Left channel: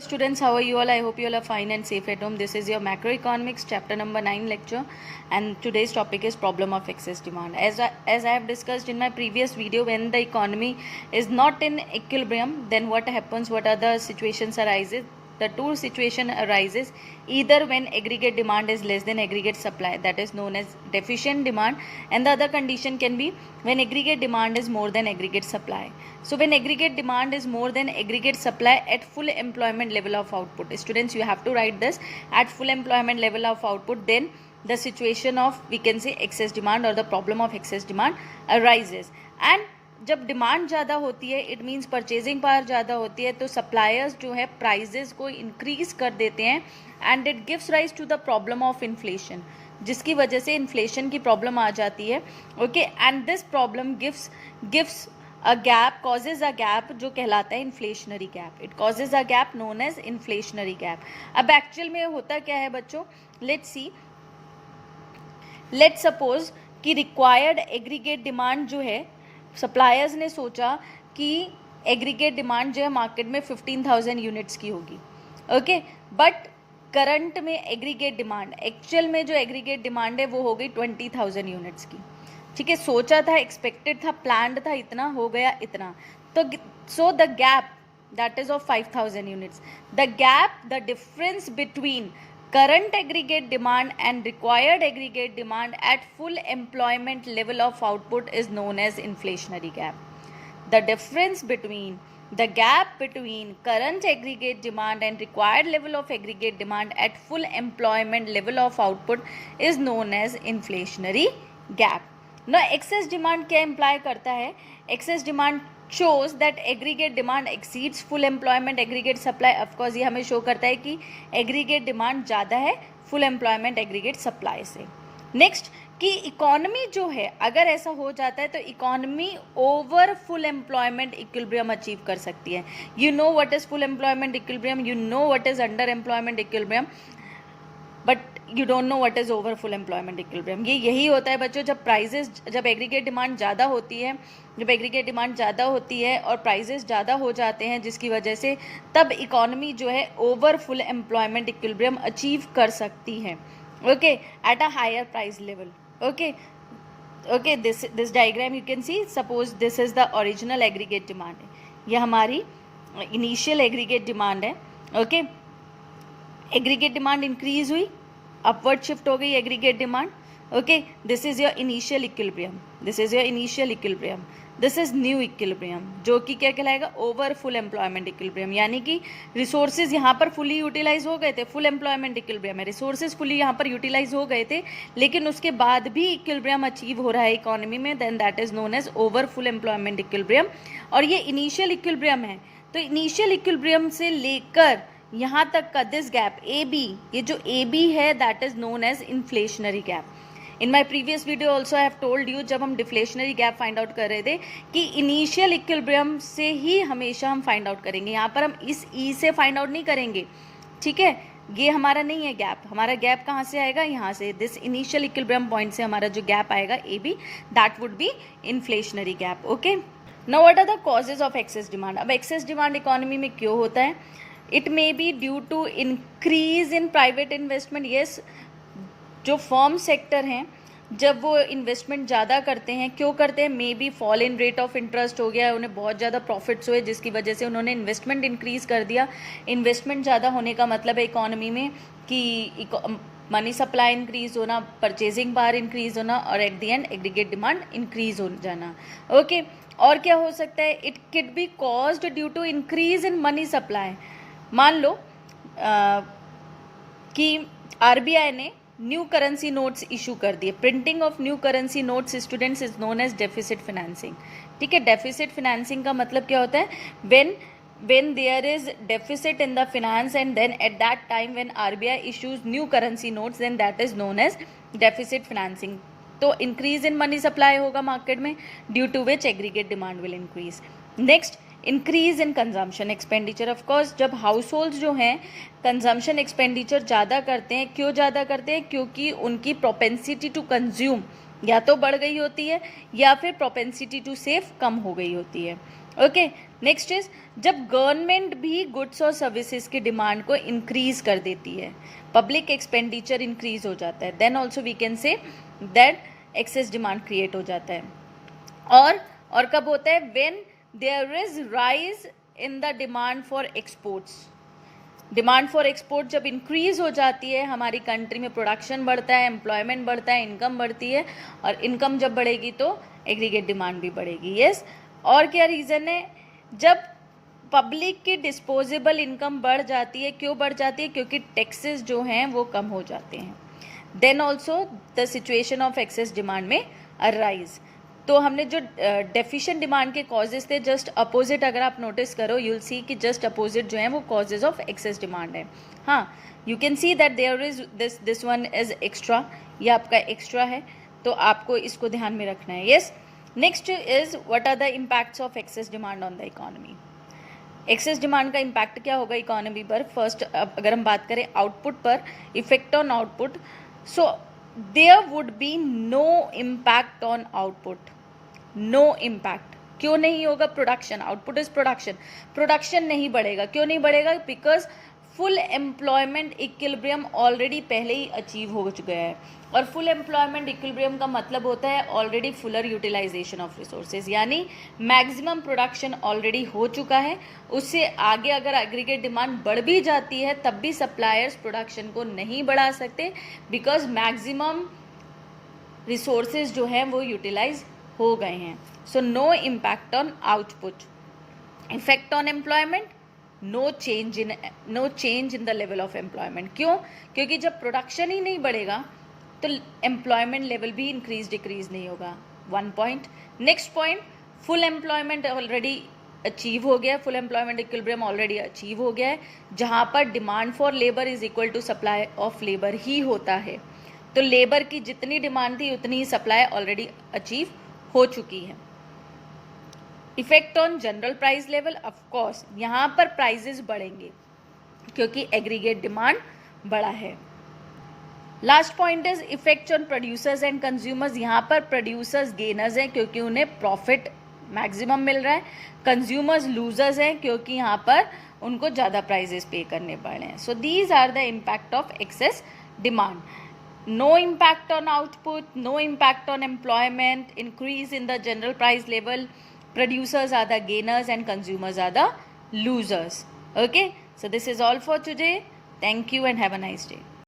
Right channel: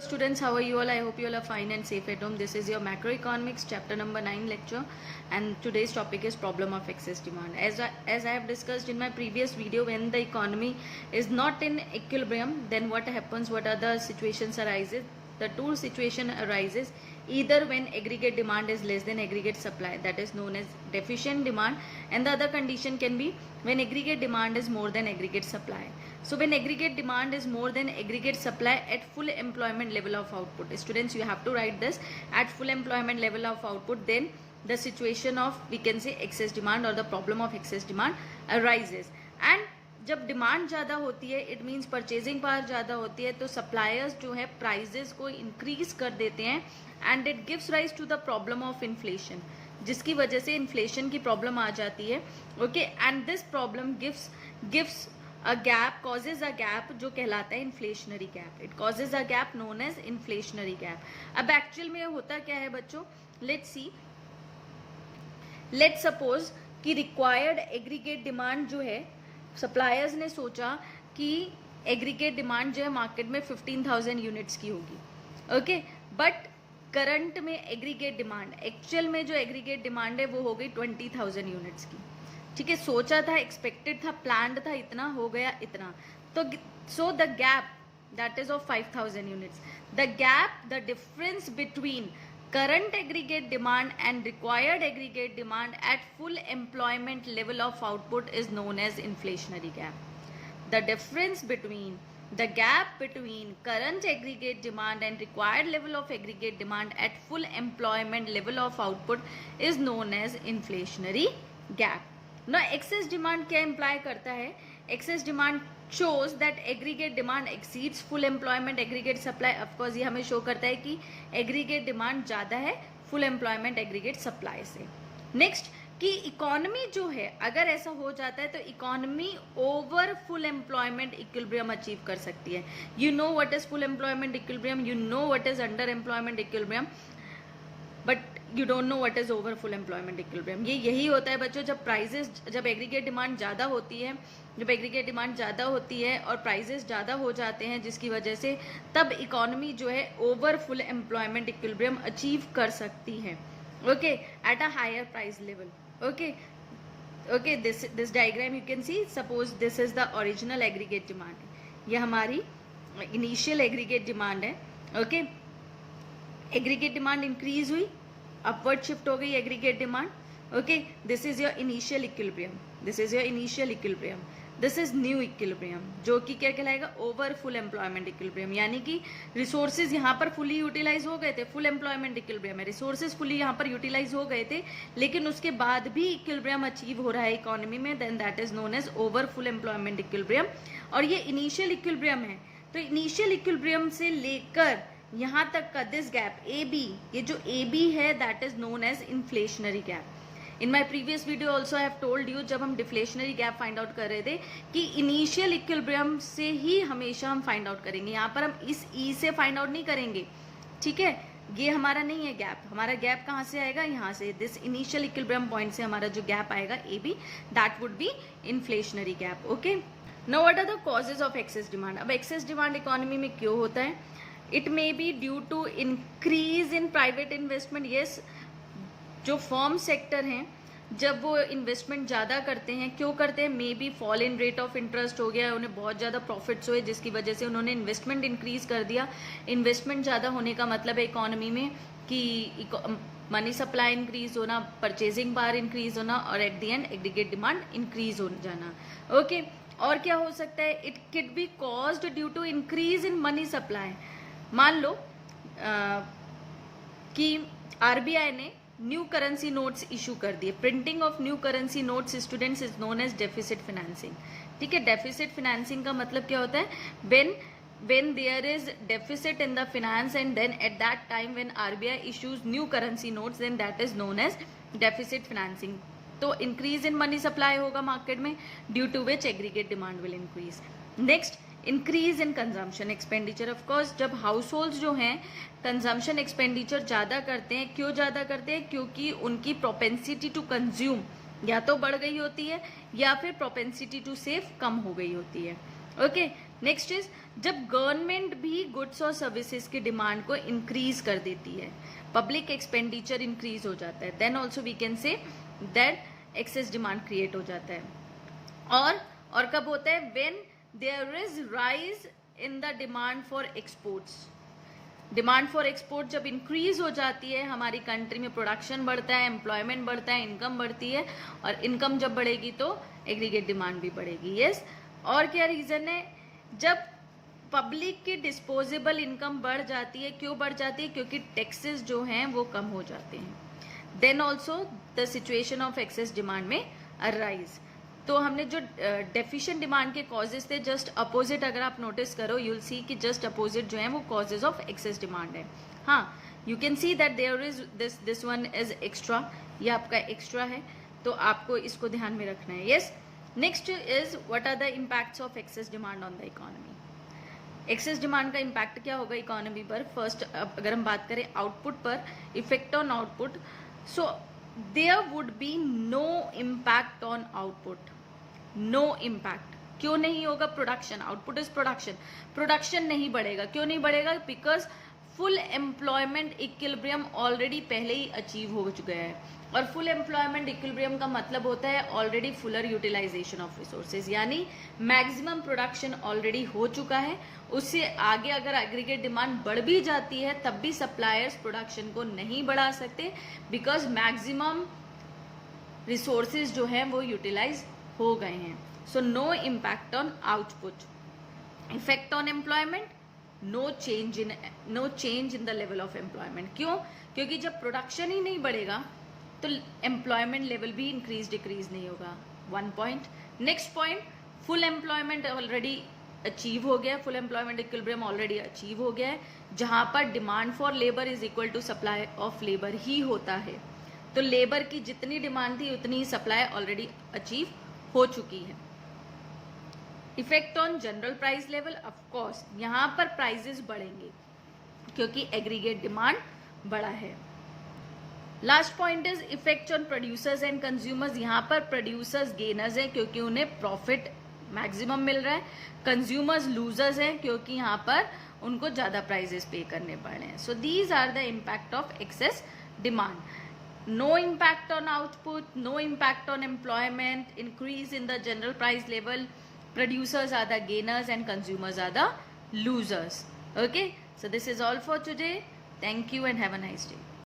Students, how are you all? I hope you all are fine and safe at home. This is your macroeconomics chapter number 9 lecture, and today's topic is problem of excess demand. As I have discussed in my previous video, when the economy is not in equilibrium, then what happens? What are the situations arises? The two situation arises either when aggregate demand is less than aggregate supply, that is known as deficient demand, and the other condition can be when aggregate demand is more than aggregate supply. So when aggregate demand is more than aggregate supply at full employment level of output, students, you have to write this, at full employment level of output, then the situation of, we can say, excess demand or the problem of excess demand arises. And जब demand ज़्यादा होती है, it means purchasing power ज़्यादा होती है, तो suppliers जो है प्राइजेस को इंक्रीज कर देते हैं, and it gives rise to the problem of inflation, जिसकी वजह से इन्फ्लेशन की प्रॉब्लम आ जाती है. Okay, and this problem gives a gap, causes a gap जो कहलाता है inflationary gap. It causes a gap known as inflationary gap. अब एक्चुअल में होता क्या है बच्चों, लेट्स सपोज कि रिक्वायर्ड एग्रीगेट डिमांड जो है, सप्लायर्स ने सोचा कि एग्रीगेट डिमांड जो है मार्केट में 15,000 यूनिट्स की होगी. ओके, बट करंट में एग्रीगेट डिमांड, एक्चुअल में जो एग्रीगेट डिमांड है वो हो गई 20,000 यूनिट्स की. ठीक है, सोचा था, एक्सपेक्टेड था, प्लान्ड था, इतना हो गया इतना. तो so the gap that is of 5,000 units, the gap, the difference between current aggregate demand and required aggregate demand at full employment level of output is known as inflationary gap. The difference between the gap between current aggregate demand and required level of aggregate demand at full employment level of output is known as inflationary gap. Now excess demand क्या imply करता है? Excess demand shows that aggregate demand exceeds full employment aggregate supply. of course ये हमें show करता है कि aggregate demand ज़्यादा है full employment aggregate supply से. नेक्स्ट कि इकोनॉमी जो है, अगर ऐसा हो जाता है तो economy over full employment equilibrium achieve कर सकती है. You know what is full employment equilibrium, you know what is under employment equilibrium, but you don't know what is over full employment equilibrium. ये यही होता है बच्चों, जब एग्रीगेट डिमांड ज़्यादा होती है, जब एग्रीगेट डिमांड ज़्यादा होती है और प्राइजेस ज़्यादा हो जाते हैं, जिसकी वजह से तब इकोनॉमी जो है over full employment equilibrium achieve कर सकती है. Okay, at a higher price level. Okay, this diagram you can see, suppose this is the original aggregate demand. ये हमारी इनिशियल एग्रीगेट डिमांड है. ओके, एग्रीगेट डिमांड इंक्रीज हुई, upward shift हो गई aggregate demand. Okay, this is your initial equilibrium, this is your initial equilibrium, this is new equilibrium, जो कि क्या कहलाएगा, ओवर फुल एम्प्लॉयमेंट इक्विलिब्रियम. यानी कि रिसोर्सेज यहाँ पर फुली यूटिलाइज हो गए थे, फुल एम्प्लॉयमेंट इक्विलिब्रियम है, रिसोर्सेज फुली यहाँ पर यूटिलाइज हो गए थे, लेकिन उसके बाद भी इक्विलिब्रियम अचीव हो रहा है इकोनॉमी में, then that is known as over full employment equilibrium. और ये इनिशियल इक्विलिब्रियम है, तो इनिशियल इक्विलिब्रियम से लेकर यहाँ तक का दिस गैप ए बी, ये जो ए बी है that is known as inflationary gap. In my previous video also I have told you, जब हम डिफ्लेशनरी गैप फाइंड आउट कर रहे थे, कि इनिशियल इक्विलिब्रियम से ही हमेशा हम फाइंड आउट करेंगे. यहाँ पर हम इस ई से फाइंड आउट नहीं करेंगे. ठीक है, ये हमारा नहीं है गैप. हमारा गैप कहाँ से आएगा, यहाँ से, दिस इनिशियल इक्विलिब्रियम पॉइंट से हमारा जो गैप आएगा A B, that would be inflationary gap. Okay, now what are the causes of excess demand. अब एक्सेस डिमांड इकोनॉमी में क्यों होता है? It may be due to increase in private investment. Yes, जो फर्म सेक्टर हैं, जब वो investment ज़्यादा करते हैं, क्यों करते हैं? May be fall in rate of interest हो गया, उन्हें बहुत ज़्यादा प्रॉफिट्स हुए, जिसकी वजह से उन्होंने इन्वेस्टमेंट इंक्रीज कर दिया. इन्वेस्टमेंट ज़्यादा होने का मतलब है इकोनॉमी में कि मनी सप्लाई इंक्रीज होना, परचेजिंग पावर इंक्रीज होना, और at the end aggregate demand increase हो जाना. ओके, और क्या हो सकता है? It can be caused due to increase in money supply. मान लो कि आरबीआई ने न्यू करेंसी नोट्स इशू कर दिए. Printing of new currency notes students is known as deficit financing. ठीक है, डेफिसिट फाइनेंसिंग का मतलब क्या होता है? when there is deficit in the finance, and then at that time when RBI issues new currency notes, then that is known as deficit financing. तो increase in money supply होगा market में, due to which aggregate demand will increase. Next, increase in consumption expenditure. Of course जब household जो हैं consumption expenditure ज़्यादा करते हैं, क्यों ज़्यादा करते हैं? क्योंकि उनकी प्रोपेंसिटी टू कंज्यूम या तो बढ़ गई होती है, या फिर प्रोपेंसिटी टू सेव कम हो गई होती है. ओके, नेक्स्ट इज जब गवर्नमेंट भी गुड्स और सर्विसेज की डिमांड को इंक्रीज कर देती है, पब्लिक एक्सपेंडिचर इंक्रीज हो जाता है, then also we can say that excess demand create हो जाता है. और कब होता है? When there is rise in the demand for exports. Demand for export जब इंक्रीज हो जाती है, हमारी कंट्री में प्रोडक्शन बढ़ता है, एम्प्लॉयमेंट बढ़ता है, इनकम बढ़ती है, और इनकम जब बढ़ेगी तो एग्रीगेट डिमांड भी बढ़ेगी. यस. और क्या रीज़न है? जब पब्लिक की डिस्पोजेबल इनकम बढ़ जाती है. क्यों बढ़ जाती है? क्योंकि टैक्सेस जो हैं वो कम हो जाते हैं. Then also the situation of excess demand में अराइज. तो हमने जो डेफिशिएंट डिमांड के कॉजेज थे, जस्ट अपोजिट अगर आप नोटिस करो, यू विल सी कि जस्ट अपोजिट जो है वो कॉजेज ऑफ एक्सेस डिमांड है. हाँ, you can see that there is this one is extra. ये आपका एक्स्ट्रा है, तो आपको इसको ध्यान में रखना है. Yes. Next is what are the impacts of excess demand on the economy. Excess demand का इम्पैक्ट क्या होगा इकोनॉमी पर? फर्स्ट, अगर हम बात करें आउटपुट पर, effect on output, so there would be no impact on output. No impact. क्यों नहीं होगा? Production, output is production. Production नहीं बढ़ेगा. क्यों नहीं बढ़ेगा? Because full employment equilibrium already पहले ही अचीव हो चुका है. और फुल एम्प्लॉयमेंट इक्विलिब्रियम का मतलब होता है already fuller utilisation of resources, यानी मैक्सिमम प्रोडक्शन ऑलरेडी हो चुका है. उससे आगे अगर एग्रीगेट डिमांड बढ़ भी जाती है, तब भी सप्लायर्स प्रोडक्शन को नहीं बढ़ा सकते, बिकॉज मैक्सिमम रिसोर्सेज जो हैं वो यूटिलाइज हो गए हैं. So no impact on output. Effect on employment, no change in the level of employment. क्यों? क्योंकि जब प्रोडक्शन ही नहीं बढ़ेगा तो एम्प्लॉयमेंट लेवल भी इंक्रीज डिक्रीज नहीं होगा. 1 point. Next point, full employment already achieve हो गया है. Full employment equilibrium already achieve हो गया है, जहां पर demand for labour is equal to supply of labour ही होता है. तो लेबर की जितनी डिमांड थी उतनी ही सप्लाई ऑलरेडी अचीव हो चुकी है. Effect on general price level, of course यहाँ पर प्राइजेस बढ़ेंगे क्योंकि एग्रीगेट डिमांड बड़ा है. Last point is effect on producers and consumers. यहाँ पर प्रोड्यूसर्स गेनर्स हैं क्योंकि उन्हें प्रॉफिट मैक्सिमम मिल रहा है. कंज्यूमर्स लूजर्स हैं क्योंकि यहाँ पर उनको ज़्यादा प्राइजेस पे करने पड़ रहे हैं. So these are the impact of excess demand. No impact on output, no impact on employment, increase in the general price level. Producers are the gainers and consumers are the losers. Okay, so this is all for today. Thank you and have a nice day.